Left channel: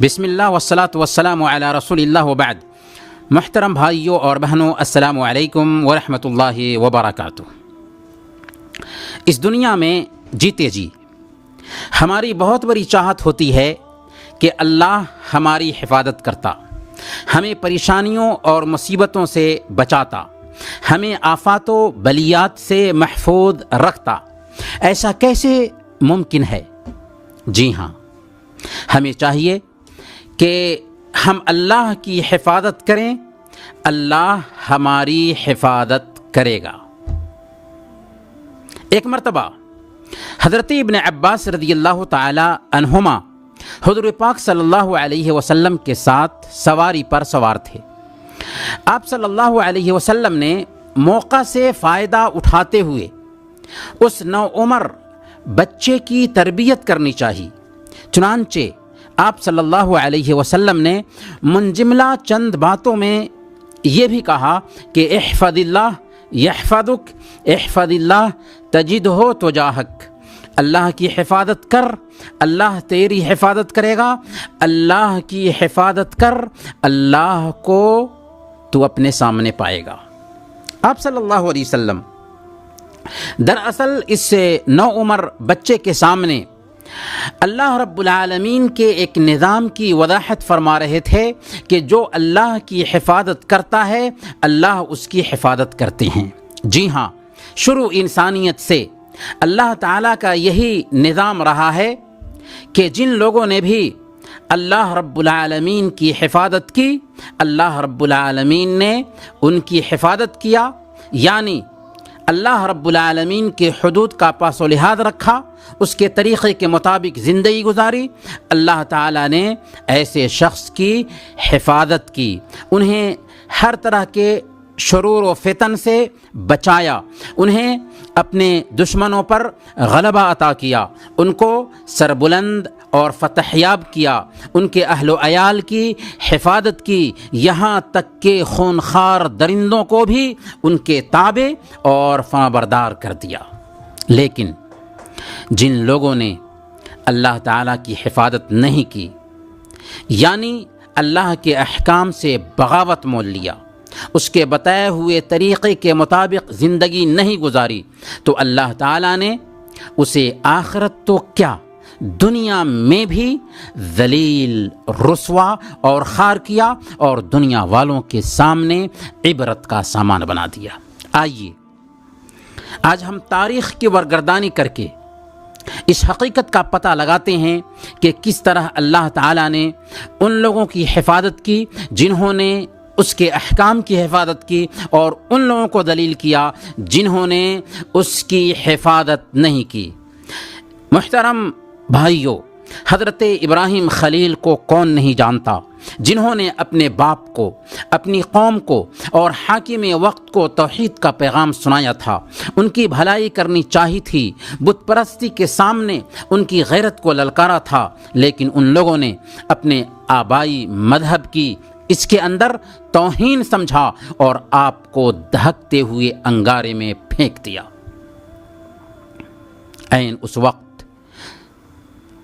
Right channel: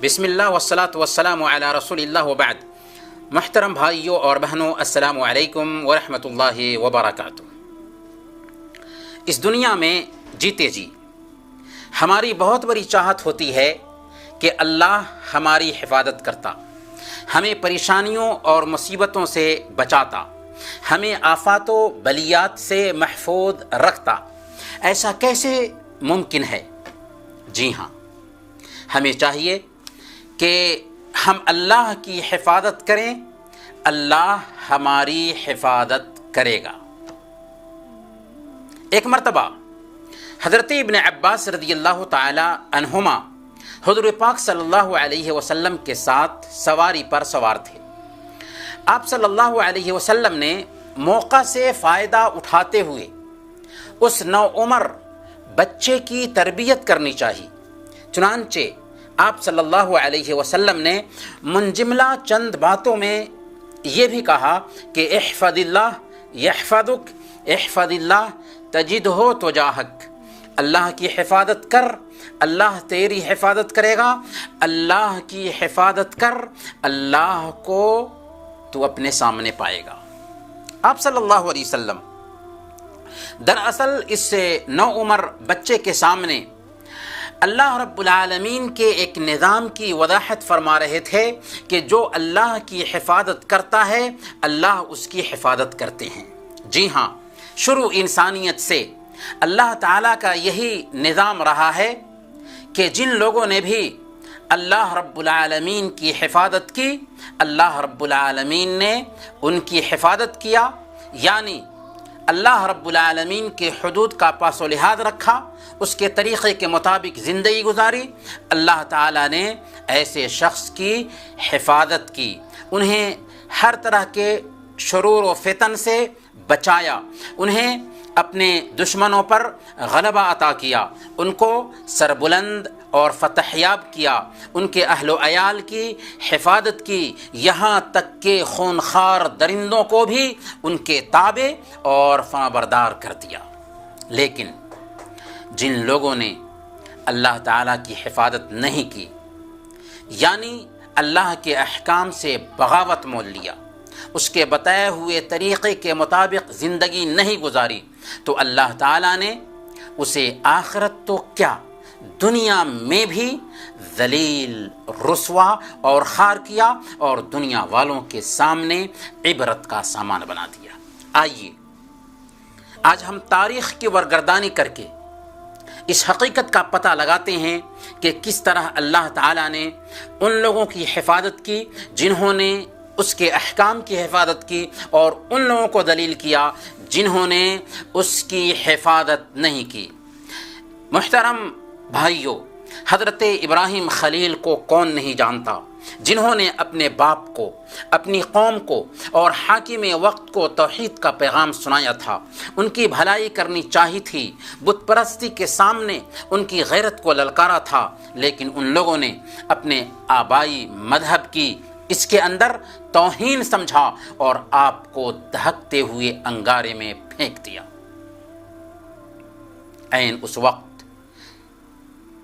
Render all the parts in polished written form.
بسم اللہ والصلاة والسلام علی رسول اللہ وبعد. محترم بھائیوں اور بہنوں، السلام علیکم ورحمۃ اللہ وبرکاتہ. اس دنیا میں جیتے جی ہماری بہت بڑی چاہت ہوتی ہے کہ اللہ ہماری حفاظت کرتا، ہمیں پریشانیوں اور مصیبتوں سے بچاتا، ہمیں آفات و بلیات سے محفوظ رکھتا. ایسا کیسے ممکن ہے؟ جی ہاں، ہمیں چاہیے کہ ہم اللہ کی حفاظت کریں، اللہ ہماری حفاظت کرے گا. ایک مرتبہ حضرت ابن عباس رضی اللہ تعالی عنہما حضور پاک صلی اللہ علیہ وسلم کے ساتھ سواری پر سوار تھے. آپ صلی اللہ علیہ وسلم نے موقع سے فائدہ اٹھاتے ہوئے اس نوعمر بچے کی تربیت کرنی چاہیے. چنانچہ آپ صلی اللہ علیہ وسلم نے منجملہ چند باتوں میں یہ بھی کہا کہ احفظ اللہ یحفظک، احفظ اللہ تجدہ تجاہک. اللہ کی حفاظت کر، اللہ تیری حفاظت کرے گا. اللہ کی حفاظت کر، اللہ کو تو اپنے سامنے پائے گا. آپ صلی اللہ علیہ وسلم دراصل اس نوعمر بچے کے سامنے اللہ رب العالمین کے ایک نظام کی وضاحت فرما رہے تھے کہ جو اللہ کی حفاظت کرتا ہے اللہ اس کی حفاظت کرتے ہیں. جی ہاں، شروع انسانیت سے اللہ تعالیٰ کا یہی نظام رہا ہے کہ جن لوگوں نے بھی اللہ رب العالمین کی حفاظت کی، اللہ رب العالمین نے ان کی حفاظت کیا، یعنی اللہ رب العالمین کے حدود کا پاس و لحاظ رکھا، اس کے طریقے کے مطابق زندگی گزاری. اللہ تعالیٰ نے ایسے شخص کی حفاظت کی، انہیں ہر طرح کے شرور و فتن سے بچایا، انہیں اپنے دشمنوں پر غلبہ عطا کیا، ان کو سربلند اور فتح یاب کیا، ان کے اہل و عیال کی حفاظت کی، یہاں تک کہ خونخوار درندوں کو بھی ان کے تابع اور فرمانبردار کر دیا. لیکن جن لوگوں نے اللہ تعالیٰ کی حفاظت نہیں کی، یعنی اللہ کے احکام سے بغاوت مول لیا، اس کے بتائے ہوئے طریقے کے مطابق زندگی نہیں گزاری، تو اللہ تعالیٰ نے اسے آخرت تو کیا دنیا میں بھی ذلیل، رسوا اور خوار کیا اور دنیا والوں کے سامنے عبرت کا سامان بنا دیا. آئیے آج ہم تاریخ کی ورگردانی کر کے اس حقیقت کا پتہ لگاتے ہیں کہ کس طرح اللہ تعالیٰ نے ان لوگوں کی حفاظت کی جنہوں نے اس کے احکام کی حفاظت کی، اور ان لوگوں کو ذلیل کیا جنہوں نے اس کی حفاظت نہیں کی. محترم بھائیوں، حضرت ابراہیم خلیل کو کون نہیں جانتا، جنہوں نے اپنے باپ کو، اپنی قوم کو اور حاکم وقت کو توحید کا پیغام سنایا تھا. ان کی بھلائی کرنی چاہی تھی، بت پرستی کے سامنے ان کی غیرت کو للکارا تھا، لیکن ان لوگوں نے اپنے آبائی مذہب کی اس کے اندر توہین سمجھا اور آپ کو دہکتے ہوئے انگارے میں پھینک دیا. عین اس وقت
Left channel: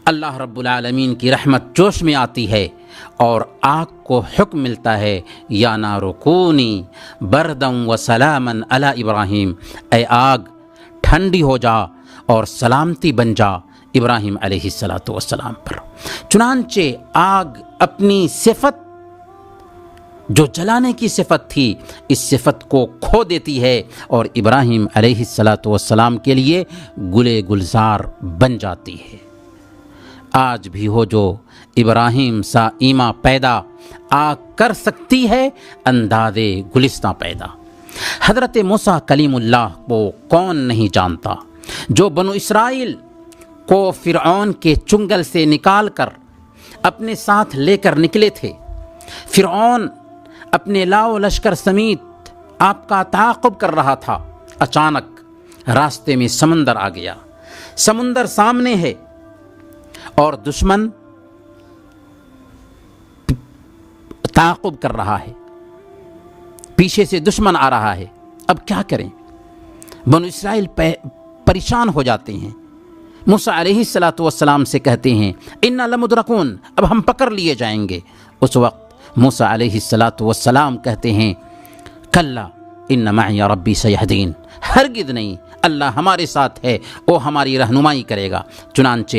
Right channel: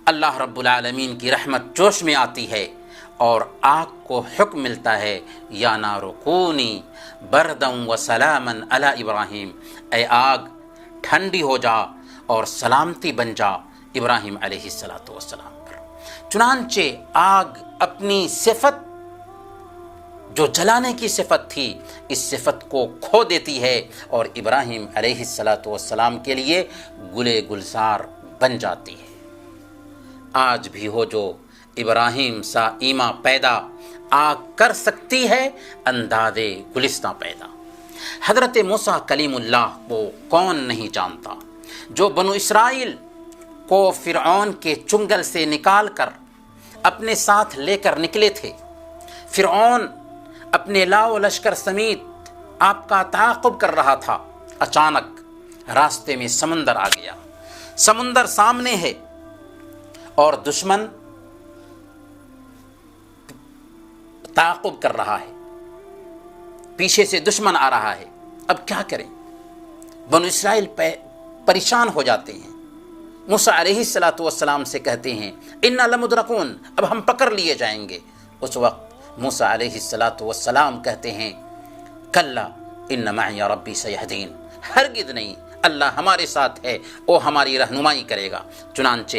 اللہ رب العالمین کی رحمت جوش میں آتی ہے اور آگ کو حکم ملتا ہے، یا نار کونی بردا و سلاما علی ابراہیم، اے آگ ٹھنڈی ہو جا اور سلامتی بن جا ابراہیم علیہ السلام پر. چنانچہ آگ اپنی صفت جو جلانے کی صفت تھی، اس صفت کو کھو دیتی ہے اور ابراہیم علیہ السلام کے لیے گلے گلزار بن جاتی ہے. آج بھی ہو جو ابراہیم سا ایما پیدا، آگ کر سکتی ہے اندازے گلستہ پیدا. حضرت موسیٰ کلیم اللہ کو کون نہیں جانتا، جو بنو اسرائیل کو فرعون کے چنگل سے نکال کر اپنے ساتھ لے کر نکلے تھے. فرعون اپنے لاؤ لشکر سمیت آپ کا تعاقب کر رہا تھا. اچانک راستے میں سمندر آ گیا، سمندر سامنے ہے اور دشمن تعاقب کر رہا ہے، پیچھے سے دشمن آ رہا ہے. اب کیا کریں؟ بنو اسرائیل پریشان ہو جاتے ہیں. موسیٰ علیہ السلام سے کہتے ہیں انا لمدرکون، اب ہم پکڑ لیے جائیں گے۔ اس وقت موسیٰ علیہ السلام کہتے ہیں کلا ان معی ربی سیہدین، ہرگز نہیں، اللہ ہمارے ساتھ ہے، وہ ہماری رہنمائی کرے گا۔ چنانچہ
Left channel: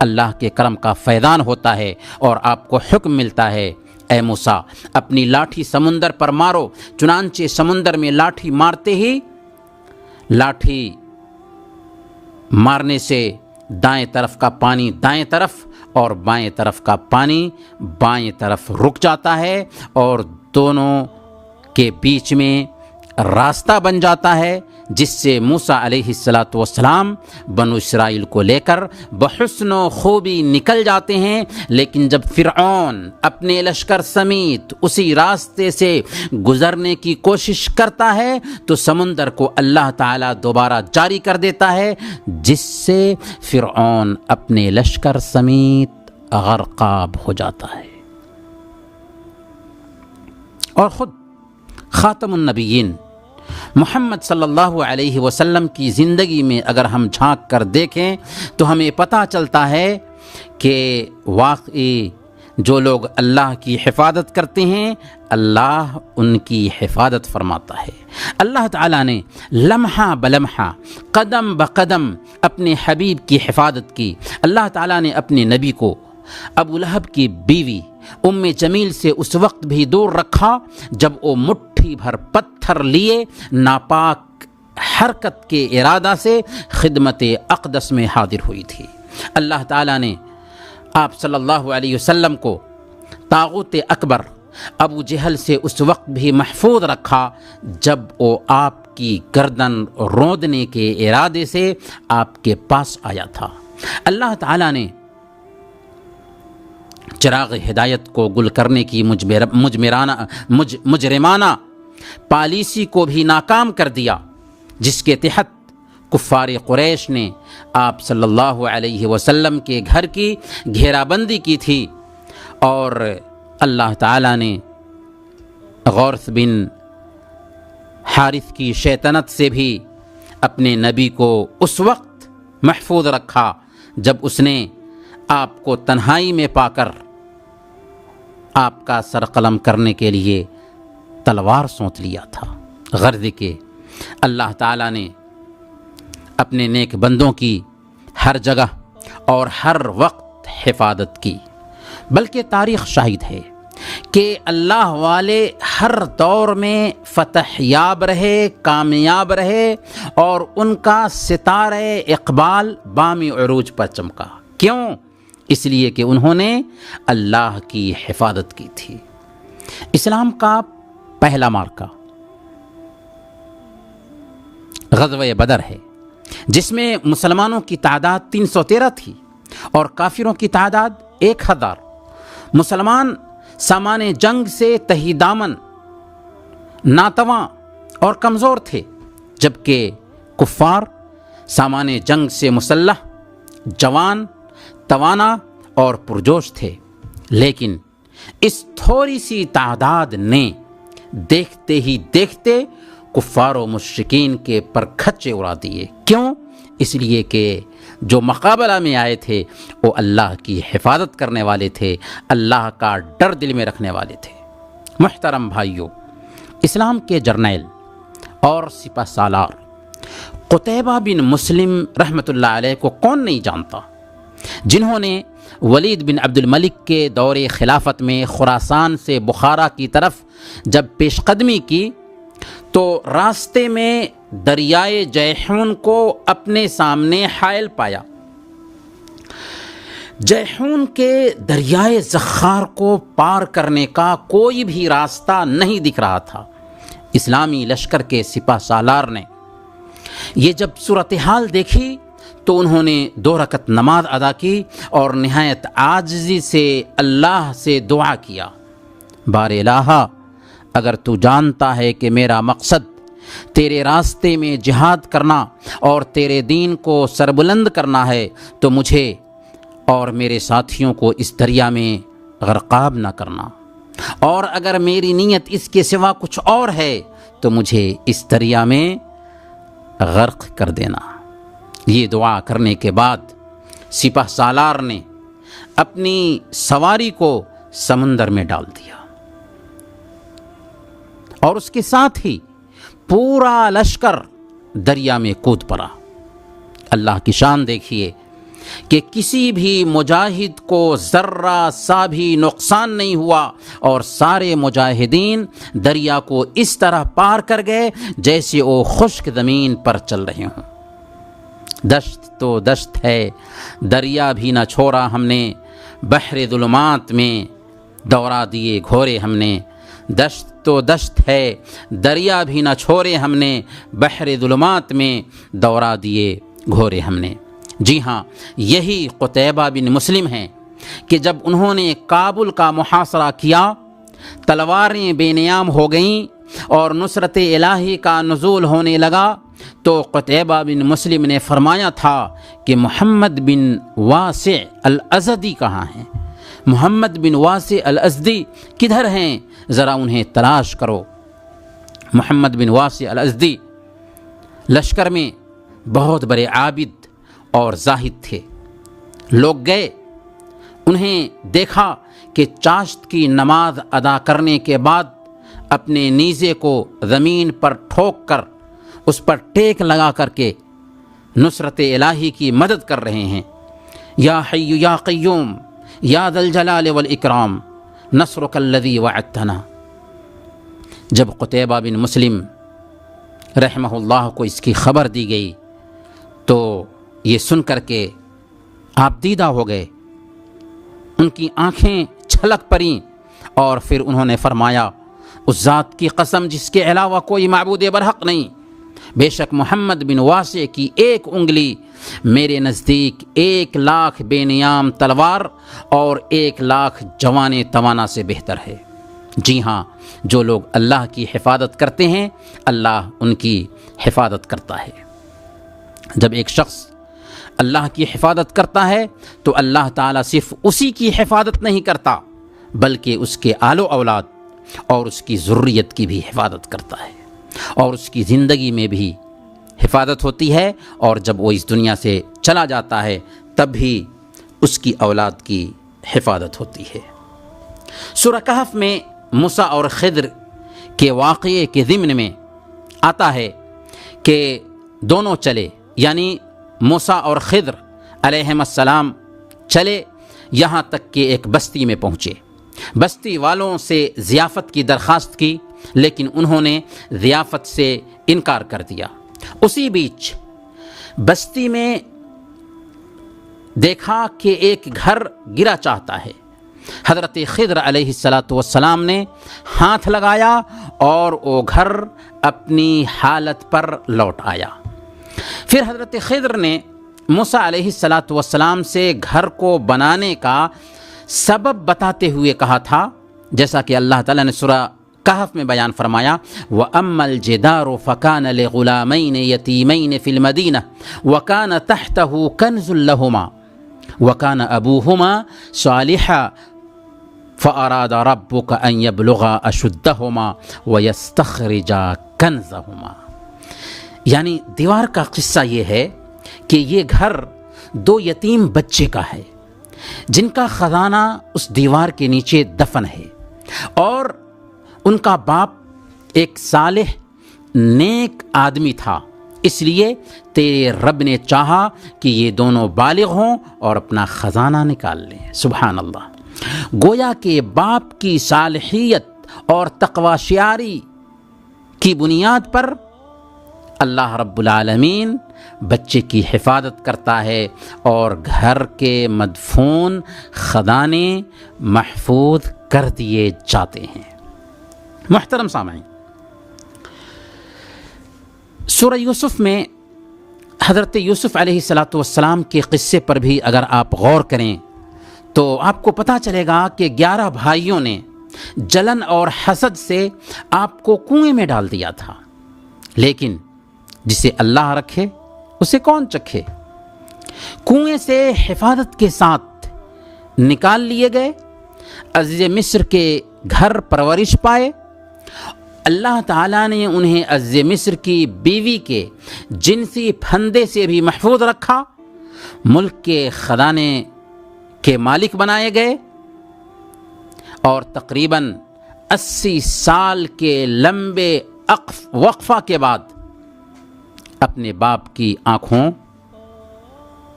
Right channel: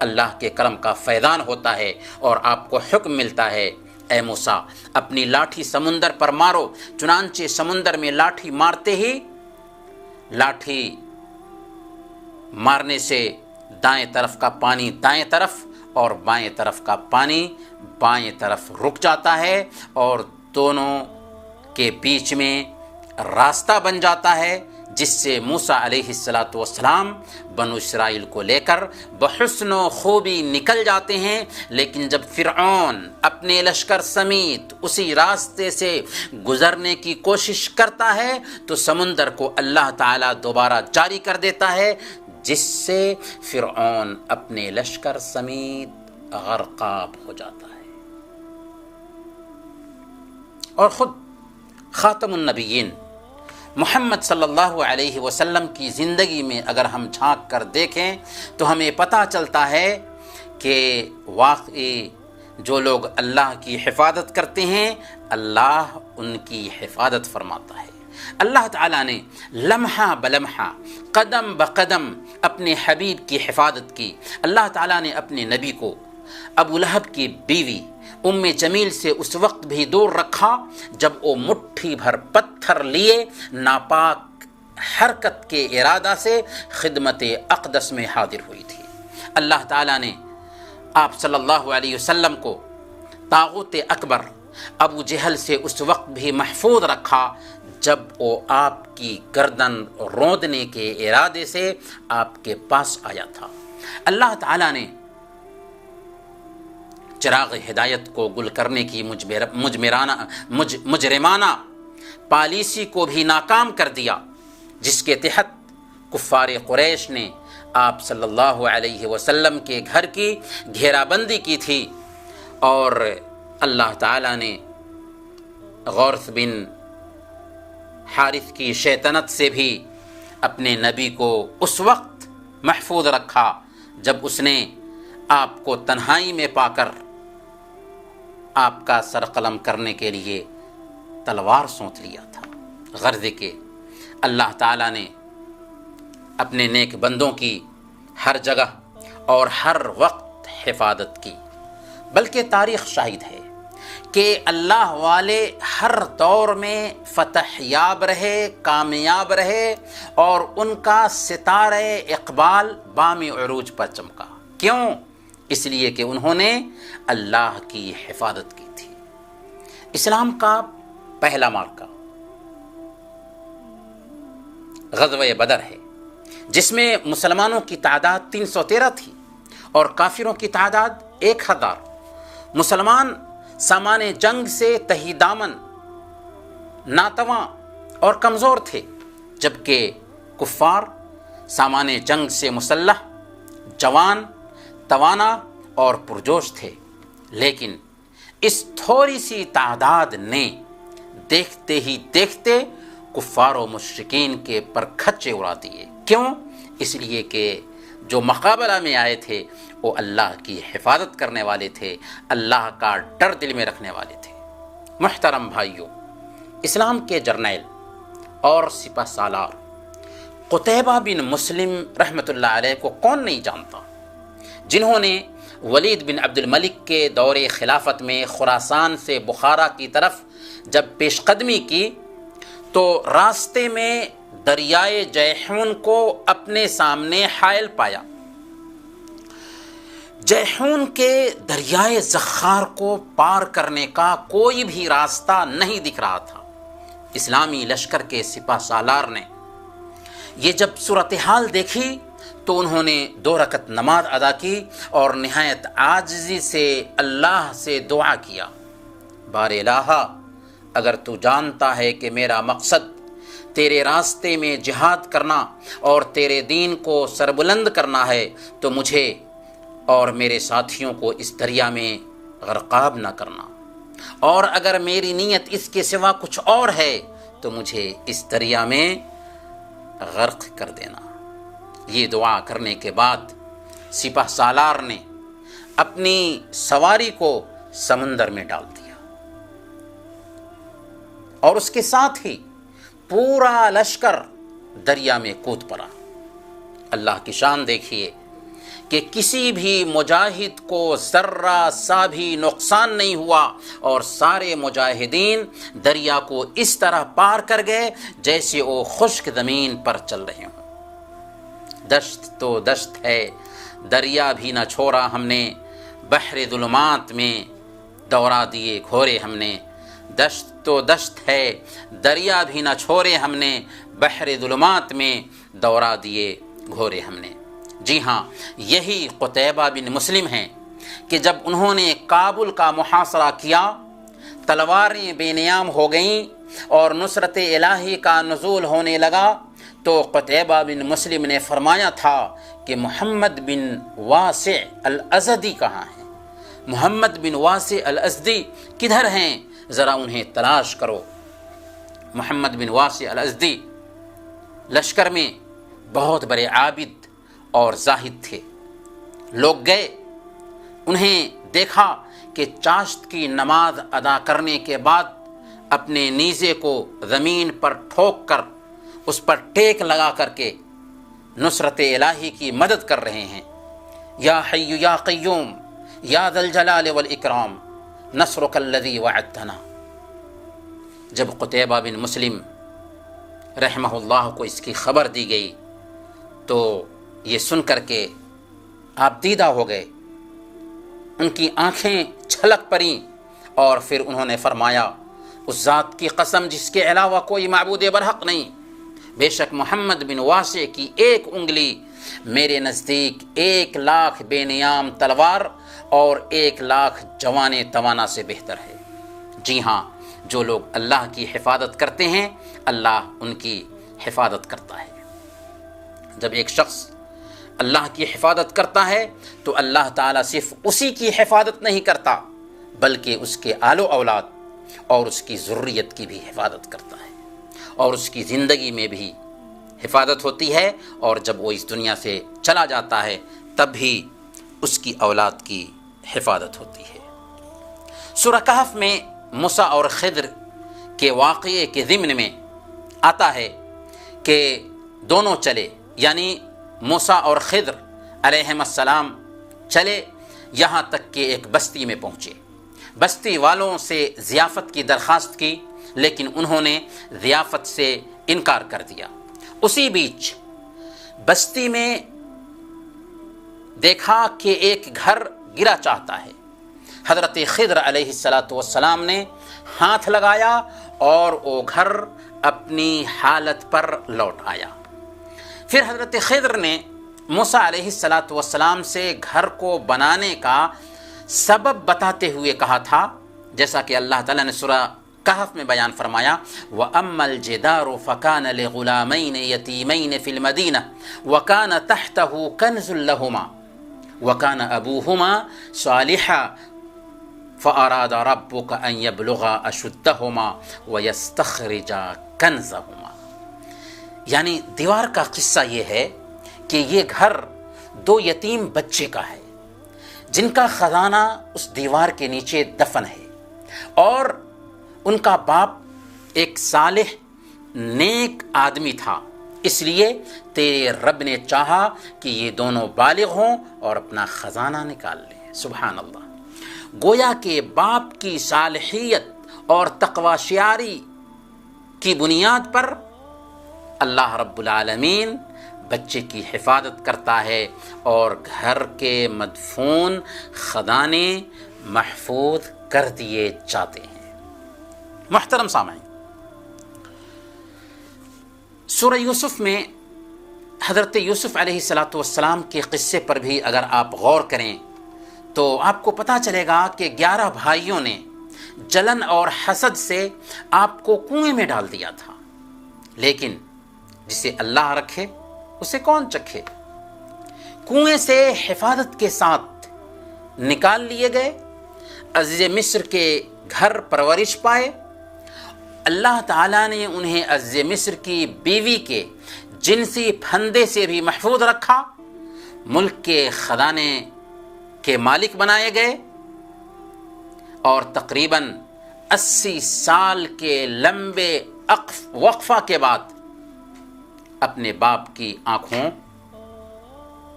اللہ کے کرم کا فیضان ہوتا ہے اور آپ کو حکم ملتا ہے اے موسیٰ اپنی لاٹھی سمندر پر مارو۔ چنانچہ سمندر میں لاٹھی مارتے ہی لاٹھی مارنے سے دائیں طرف کا پانی دائیں طرف اور بائیں طرف کا پانی بائیں طرف رک جاتا ہے اور دونوں کے بیچ میں راستہ بن جاتا ہے، جس سے موسیٰ علیہ السلام بنو اسرائیل کو لے کر بحسن و خوبی نکل جاتے ہیں۔ لیکن جب فرعون اپنے لشکر سمیت اسی راستے سے گزرنے کی کوشش کرتا ہے تو سمندر کو اللہ تعالیٰ دوبارہ جاری کر دیتا ہے، جس سے فرعون اپنے لشکر سمیت غرقاب ہو جاتا ہے۔ اور خود خاتم النبیین محمد صلی اللہ علیہ وسلم کی زندگی میں اگر ہم جھانک کر دیکھیں تو ہمیں پتہ چلتا ہے کہ واقعی جو لوگ اللہ کی حفاظت کرتے ہیں اللہ ان کی حفاظت فرماتا ہے۔ اللہ تعالیٰ نے لمحہ بلمحہ قدم بقدم اپنے حبیب کی حفاظت کی۔ اللہ تعالیٰ نے اپنے نبی کو ابو لہب کی بیوی ام جمیل سے اس وقت بھی دور رکھا جب وہ مٹھی بھر پتھر لیے ناپاک حرکت کے ارادہ سے خدمت اقدس میں حاضر ہوئی تھی۔ اللہ تعالیٰ نے آپ صلی اللہ علیہ وسلم کو طاغوت اکبر ابو جہل سے اس وقت بھی محفوظ رکھا جب وہ آپ کی گردن روندنے کے ارادے سے آپ کے پاس آیا تھا۔ اللہ تعالیٰ نے چراغ ہدایت کو گل کرنے کی مجرمانہ پالیسی کو بھی ناکام کر دیا، جس کے تحت کفار قریش نے آپ صلی اللہ علیہ وسلم کے گھر کی گھیرا بندی کی تھی، اور اللہ تعالیٰ نے غورث بن حارث کی شیطنت سے بھی اپنے نبی کو اس وقت محفوظ رکھا جب اس نے آپ کو تنہائی میں پا کر آپ کا سر قلم کرنے کے لیے تلوار سونت لیا تھا۔ غرض کہ اللہ تعالیٰ نے اپنے نیک بندوں کی ہر جگہ اور ہر وقت حفاظت کی، بلکہ تاریخ شاہد ہے کہ اللہ والے ہر دور میں فتح یاب رہے، کامیاب رہے اور ان کا ستارہ اقبال بام عروج پر چمکا۔ کیوں؟ اس لیے کہ انہوں نے اللہ کی حفاظت کی تھی۔ اسلام کا پہلا مارکہ غزوہ بدر ہے، جس میں مسلمانوں کی تعداد 313 تھی اور کافروں کی تعداد 1000۔ مسلمان سامان جنگ سے تہی دامن، ناتواں اور کمزور تھے، جبکہ کفار سامان جنگ سے مسلح، جوان، توانا اور پرجوش تھے۔ لیکن اس تھوڑی سی تعداد نے دیکھتے ہی دیکھتے کفار و مشرکین کے پرکھچے اڑا دیے۔ کیوں؟ اس لیے کہ جو مقابلہ میں آئے تھے وہ اللہ کی حفاظت کرنے والے تھے، اللہ کا ڈر دل میں رکھنے والے تھے۔ محترم بھائیوں، اسلام کے جرنیل اور سپہ سالار قتیبہ بن مسلم رحمۃ اللہ علیہ کو کون نہیں جانتا، جنہوں نے ولید بن عبد الملک کے دور خلافت میں خراسان سے بخارا کی طرف جب پیش قدمی کی تو راستے میں دریائے جیحون کو اپنے سامنے حائل پایا۔ جیحون کے دریائے زخار کو پار کرنے کا کوئی بھی راستہ نہیں دکھ رہا تھا۔ اسلامی لشکر کے سپہ سالار نے یہ جب صورتحال دیکھی تو انہوں نے 2 رکعت نماز ادا کی اور نہایت عاجزی سے اللہ سے دعا کیا، بار الہ، اگر تو جانتا ہے کہ میرا مقصد تیرے راستے میں جہاد کرنا اور تیرے دین کو سربلند کرنا ہے تو مجھے اور میرے ساتھیوں کو اس دریا میں غرقاب نہ کرنا، اور اگر میری نیت اس کے سوا کچھ اور ہے تو مجھے اس دریا میں غرق کر دینا۔ یہ دعا کرنے کے بعد سپہ سالار نے اپنی سواری کو سمندر میں ڈال دیا اور اس کے ساتھ ہی پورا لشکر دریا میں کود پڑا۔ اللہ کی شان دیکھیے کہ کسی بھی مجاہد کو ذرہ سا بھی نقصان نہیں ہوا اور سارے مجاہدین دریا کو اس طرح پار کر گئے جیسے وہ خشک زمین پر چل رہے ہوں۔ دشت تو دشت ہے، دریا بھی نہ چھوڑا ہم نے، بحر ظلمات میں دوڑا دیے گھوڑے ہم نے۔ دشت تو دشت ہے، دریا بھی نہ چھوڑے ہم نے، بحر ظلمات میں دوڑا دیے گھوڑے ہم نے۔ جی ہاں، یہی قتیبہ بن مسلم ہیں کہ جب انہوں نے کابل کا محاصرہ کیا، تلواریں بے نیام ہو گئیں اور نصرت الہی کا نزول ہونے لگا، تو قتیبہ بن مسلم نے فرمایا تھا کہ محمد بن واسع الازدی کہاں ہیں؟ محمد بن واسع الازدی کدھر ہیں؟ ذرا انہیں تلاش کرو۔ محمد بن واسع الازدی لشکر میں بہت بڑے عابد اور زاہد تھے۔ لوگ گئے، انہیں دیکھا کہ چاشت کی نماز ادا کرنے کے بعد اپنے نیزے کو زمین پر ٹھوک کر اس پر ٹیک لگا کر کے نصرت الہی کی مدد کر رہے ہیں۔ یا حی یا قیوم یا ذا الجلال والاکرام نصرک الذی وعدتنا۔ جب قتیبہ بن مسلم رحمہ اللہ کو اس کی خبر دی گئی تو یہ سن کر کے آپ دیدہ ہو گئے، ان کی آنکھیں چھلک پڑیں اور پھر انہوں نے فرمایا، اس ذات کی قسم جس کے علاوہ کوئی معبود برحق نہیں، بے شک محمد بن واسع کی ایک انگلی میرے نزدیک 1,00,000 بے نیام تلوار اور 1,00,000 جوان توانا سے بہتر ہے۔ جی ہاں، جو لوگ اللہ کی حفاظت کرتے ہیں اللہ ان کی حفاظت کرتا ہے۔ جب ایک شخص اللہ کی حفاظت کرتا ہے تو اللہ تعالیٰ صرف اسی کی حفاظت نہیں کرتا بلکہ اس کے آل و اولاد اور اس کی ذریت کی بھی حفاظت کرتا ہے، اور اس کی زندگی میں بھی حفاظت ہوتی ہے، اور جب وہ اس دنیا سے چلا جاتا ہے تب بھی اس کی اولاد کی حفاظت ہوتی ہے۔ سورہ کہف میں موسیٰ اور خضر کے واقعے کے ضمن میں آتا ہے کہ دونوں چلے، یعنی موسیٰ اور خضر علیہم السلام چلے یہاں تک کہ ایک بستی میں پہنچے۔ بستی والوں سے ضیافت کی درخواست کی لیکن انہوں نے ضیافت سے انکار کر دیا۔ اسی بیچ بستی میں دیکھا کہ ایک گھر گرا چاہتا ہے۔ حضرت خضر علیہ السلام نے ہاتھ لگایا اور وہ گھر اپنی حالت پر لوٹ آیا۔ پھر حضرت خضر نے موسیٰ علیہ السلام سے گھر کو بنانے کا سبب بتاتے ہوئے کہا تھا، جیسا کہ اللہ تعالیٰ نے سورہ کہف میں بیان فرمایا، وَأَمَّا الْجِدَارُ فَكَانَ لِغُلَامَيْنِ يَتِيمَيْنِ فِي الْمَدِينَةِ وَكَانَ تَحْتَهُ كَنْزٌ لَهُمَا وَكَانَ أَبُوهُمَا صَالِحًا فَأَرَادَ رَبُّكَ أَن يَبْلُغَا أَشُدَّهُمَا وَيَسْتَخْرِجَا كَنْزَهُمَا۔ یعنی دیوار کا قصہ یہ ہے کہ یہ گھر دو یتیم بچے کا ہے جن کا خزانہ اس دیوار کے نیچے دفن ہے، اور ان کا باپ ایک صالح نیک آدمی تھا، اس لیے تیرے رب نے چاہا کہ یہ دونوں بالغ ہوں اور اپنا خزانہ نکال لیں۔ سبحان اللہ۔ گویا کہ باپ کی صالحیت اور تقوی شعاری کی بنیاد پر اللہ رب العالمین بچے کی حفاظت کرتا ہے اور گھر کے مدفون خزانے محفوظ کر دیے جاتے ہیں۔ محترم سامعین، سورہ یوسف میں حضرت یوسف علیہ السلام کے قصے پر بھی اگر آپ غور کریں تو آپ کو پتہ چلے گا کہ 11 بھائیوں نے جلن اور حسد سے آپ کو کنویں میں ڈال دیا تھا، لیکن جسے اللہ رکھے اسے کون چکھے۔ کنویں سے حفاظت کے ساتھ نکال لیے گئے، عزیز مصر کے گھر پرورش پائے، اللہ تعالیٰ نے انہیں عزیز مصر کی بیوی کے جنسی پھندے سے بھی محفوظ رکھا، ملک کے خزانے کے مالک بنائے گئے اور تقریباً 80 سال کے لمبے وقفہ کے بعد اپنے باپ کی آنکھوں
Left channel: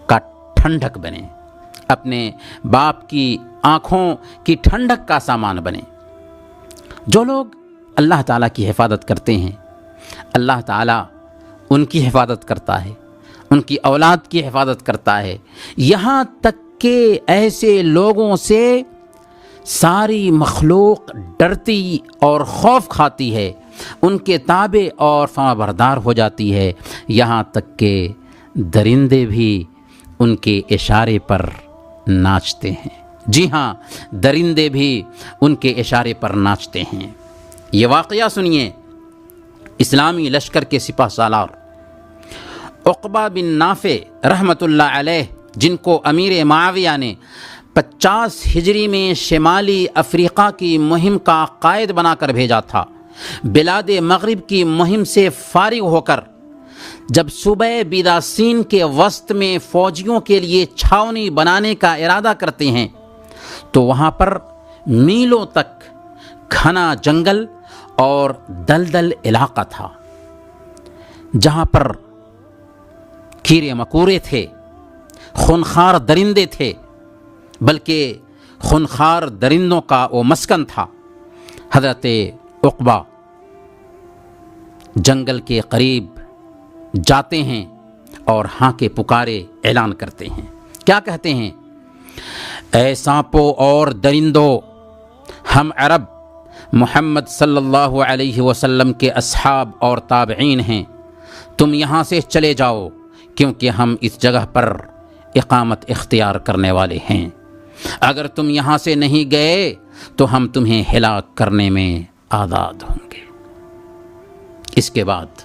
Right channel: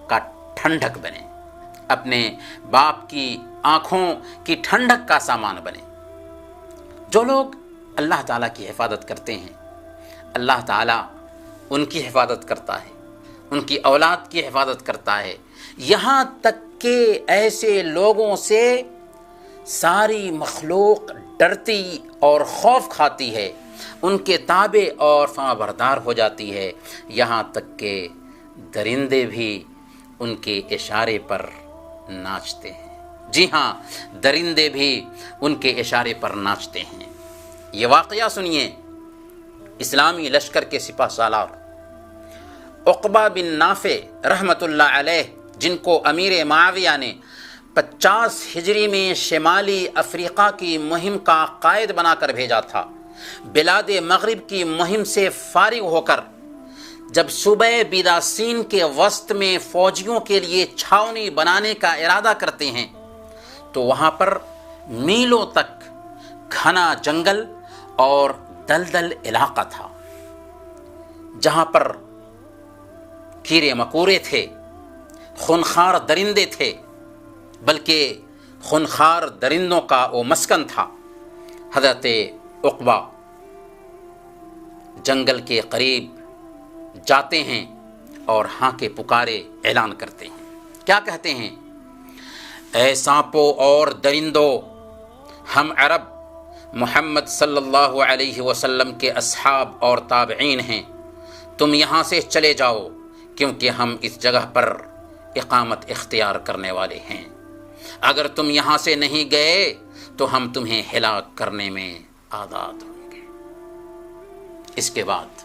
کا ٹھنڈک بنے، اپنے باپ کی آنکھوں کی ٹھنڈک کا سامان بنے۔ جو لوگ اللہ تعالیٰ کی حفاظت کرتے ہیں، اللہ تعالیٰ ان کی حفاظت کرتا ہے، ان کی اولاد کی حفاظت کرتا ہے، یہاں تک کہ ایسے لوگوں سے ساری مخلوق ڈرتی اور خوف کھاتی ہے، ان کے تابع اور فرمانبردار ہو جاتی ہے، یہاں تک کہ درندے بھی ان کے اشارے پر ناچتے ہیں۔ جی ہاں، درندے بھی ان کے اشارے پر ناچتے ہیں۔ یہ واقعہ سنیے، اسلامی لشکر کے سپہ سالار عقبہ بن نافع رحمۃ اللہ علیہ، جن کو امیر معاویہ نے 50 ہجری میں شمالی افریقہ کی مہم کا قائد بنا کر بھیجا تھا، بلاد مغرب کی مہم سے فارغ ہو کر جب صوبہ بیداسین کے وسط میں فوجیوں کے لیے چھاؤنی بنانے کا ارادہ کرتے ہیں تو وہاں پر میلوں تک گھنا جنگل اور دلدل علاقہ تھا، جہاں پر کیڑے مکوڑے تھے، خونخوار درندے تھے، بلکہ خونخوار درندوں کا وہ مسکن تھا۔ حضرت عقبہ جنگل کے قریب جاتے ہیں اور ہاں کے پکارے اعلان کرتے ہیں۔ کیا کہتے ہیں؟ اے سانپوں اور درندوں، ہم عرب محمد صلی اللہ علیہ وسلم کے اصحاب اور تابعین ہیں، تم یہاں سے چلے جاؤ، کیونکہ ہم اس جگہ پر اقامت اختیار کرنے والے ہیں۔ اگر تم یہاں سے نہیں گئے تو ہم تمہیں ہلاک کرنے میں آزاد ہوں گے۔ اس کے بعد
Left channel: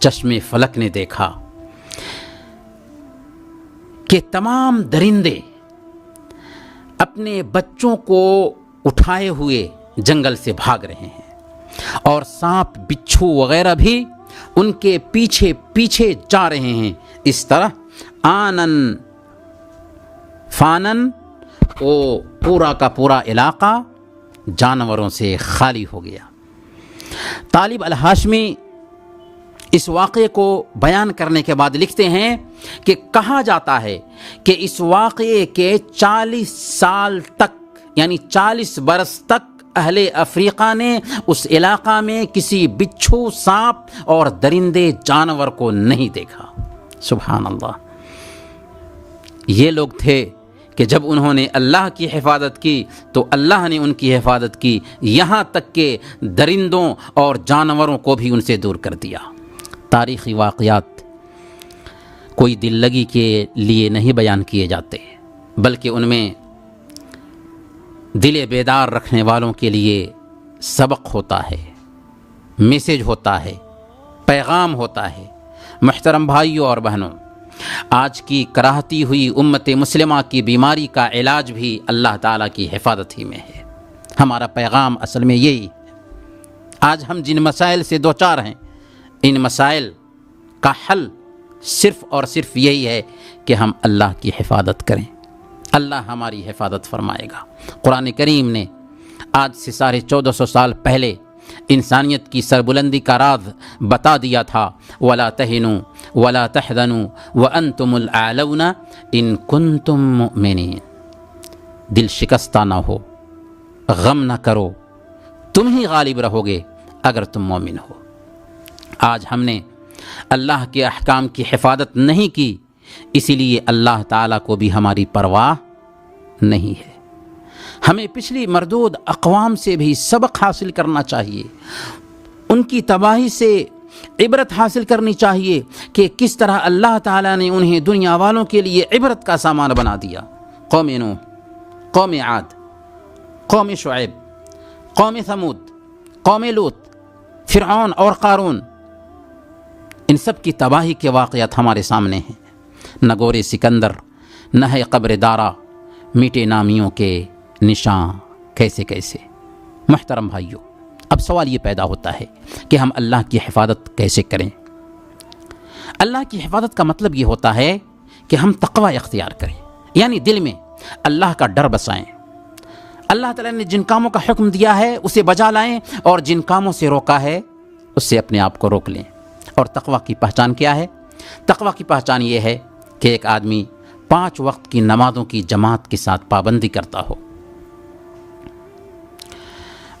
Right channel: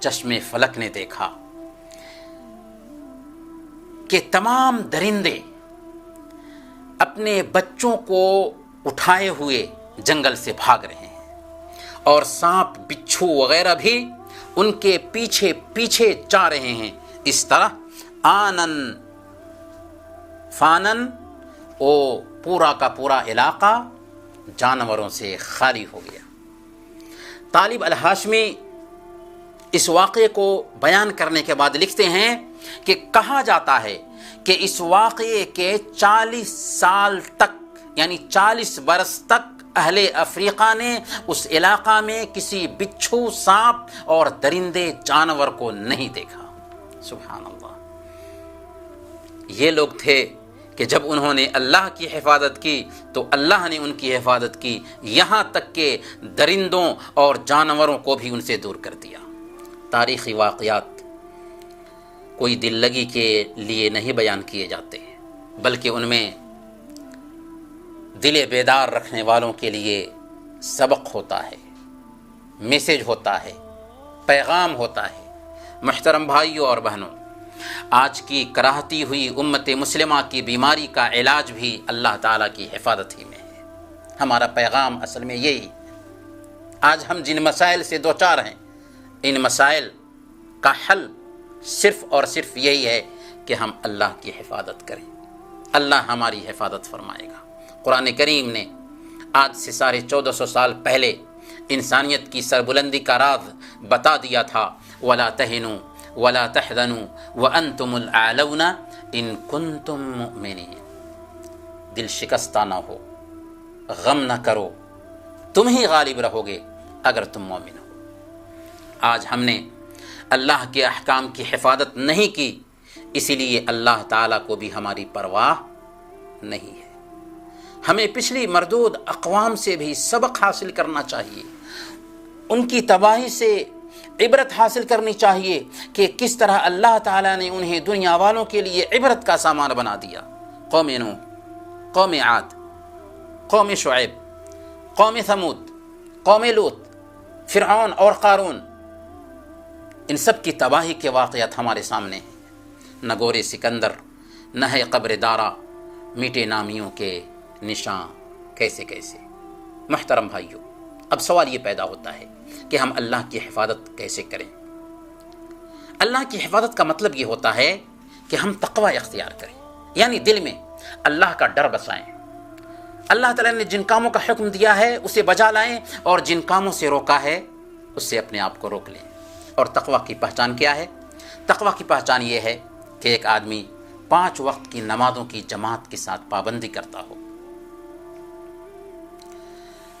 چشم فلک نے دیکھا کہ تمام درندے اپنے بچوں کو اٹھائے ہوئے جنگل سے بھاگ رہے ہیں اور سانپ بچھو وغیرہ بھی ان کے پیچھے پیچھے جا رہے ہیں۔ اس طرح آنن فانن وہ پورا کا پورا علاقہ جانوروں سے خالی ہو گیا۔ طالب الہاشمی اس واقعے کو بیان کرنے کے بعد لکھتے ہیں کہ کہا جاتا ہے کہ اس واقعے کے 40 سال تک، یعنی 40 برس تک اہل افریقہ نے اس علاقہ میں کسی بچھو، سانپ اور درندے جانور کو نہیں دیکھا۔ سبحان اللہ۔ یہ لوگ تھے کہ جب انہوں نے اللہ کی حفاظت کی تو اللہ نے ان کی حفاظت کی، یہاں تک کہ درندوں اور جانوروں کو بھی ان سے دور کر دیا۔ تاریخی واقعات کوئی دل لگی کے لیے نہیں بیان کیے جاتے، بلکہ ان میں دل بیدار رکھنے والوں کے لیے سبق ہوتا ہے، میسج ہوتا ہے، پیغام ہوتا ہے۔ محترم بھائیوں اور بہنوں، آج کی کراہتی ہوئی امت مسلمہ کی بیماری کا علاج بھی اللہ تعالیٰ کی حفاظت ہی میں ہے۔ ہمارا پیغام اصل میں یہی ہے۔ آج ہم جن مسائل سے دوچار ہیں، ان مسائل کا حل صرف اور صرف یہی ہے کہ ہم اللہ کی حفاظت کریں، اللہ ہماری حفاظت فرمائے گا۔ قرآن کریم نے آج سے 1450 سال پہلے انسانیت کی سربلندی کا راز بتا دیا تھا، وَلَا تَهِنُوا وَلَا تَحْزَنُوا وَأَنْتُمُ الْأَعْلَوْنَ إِن كُنتُم مُؤْمِنِينَ۔ دل شکستہ نہ ہو، غم نہ کرو، تم ہی غالب رہو گے اگر تم مومن ہو۔ آج ہم نے اللہ کے احکام کی حفاظت نہیں کی، اسی لیے اللہ تعالیٰ کو بھی ہماری پرواہ نہیں ہے۔ ہمیں پچھلی مردود اقوام سے بھی سبق حاصل کرنا چاہیے، ان کی تباہی سے عبرت حاصل کرنی چاہیے کہ کس طرح اللہ تعالیٰ نے انہیں دنیا والوں کے لیے عبرت کا سامان بنا دیا۔ قوم نوح، قوم عاد، قوم شعیب، قوم ثمود، قوم لوط، فرعون اور قارون، ان سب کی تباہی کے واقعات ہمارے سامنے ہیں۔ نہ گورے سکندر، نہ ہے قبر دارا، میٹے نامیوں کے نشان کیسے کیسے۔ محترم بھائیوں، اب سوال یہ پیدا ہوتا ہے کہ ہم اللہ کی حفاظت کیسے کریں؟ اللہ کی حفاظت کا مطلب یہ ہوتا ہے کہ ہم تقوی اختیار کریں، یعنی دل میں اللہ کا ڈر بسائیں، اللہ تعالیٰ نے جن کاموں کا حکم دیا ہے اسے بجا لائیں، اور جن کاموں سے روکا ہے اس سے اپنے آپ کو روک لیں۔ اور تقوی کی پہچان کیا ہے؟ تقوی کی پہچان یہ ہے کہ ایک آدمی 5 وقت کی نمازوں کی جماعت کے ساتھ پابندی کرتا ہو،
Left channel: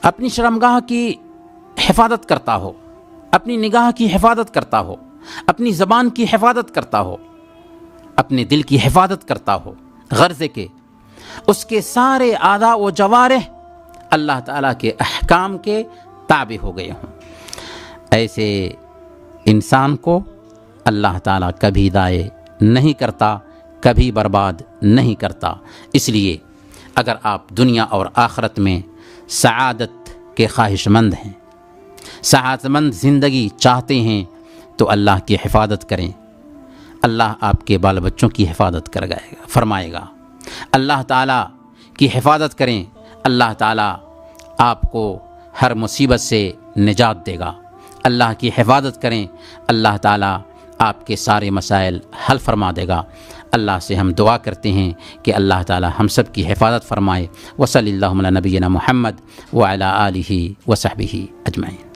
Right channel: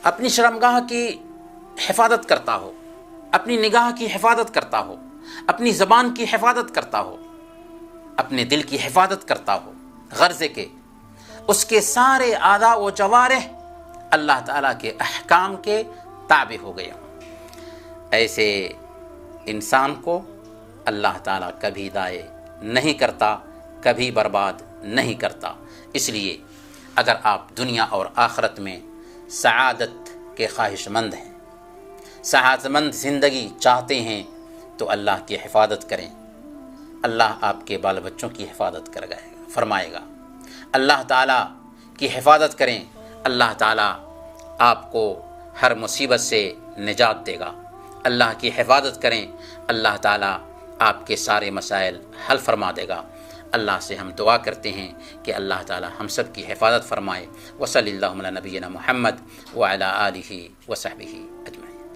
اپنی شرمگاہ کی حفاظت کرتا ہو، اپنی نگاہ کی حفاظت کرتا ہو، اپنی زبان کی حفاظت کرتا ہو، اپنے دل کی حفاظت کرتا ہو، غرض کہ اس کے سارے اعضاء و جوارح اللہ تعالیٰ کے احکام کے تابع ہو گئے ہوں۔ ایسے انسان کو اللہ تعالیٰ کبھی ضائع نہیں کرتا، کبھی برباد نہیں کرتا۔ اس لیے اگر آپ دنیا اور آخرت میں سعادت کے خواہش مند ہیں، سعادت مند زندگی چاہتے ہیں، تو اللہ کی حفاظت کریں، اللہ آپ کے بال بچوں کی حفاظت فرمائے گا۔ اللہ تعالیٰ کی حفاظت کریں، اللہ تعالیٰ آپ کو ہر مصیبت سے نجات دے گا۔ اللہ کی حفاظت کریں، اللہ تعالیٰ آپ کے سارے مسائل حل فرما دے گا۔ اللہ سے ہم دعا کرتے ہیں کہ اللہ تعالیٰ ہم سب کی حفاظت فرمائے۔ وصلی اللہ علی نبینا محمد وعلی آلہ وصحبہ اجمعین۔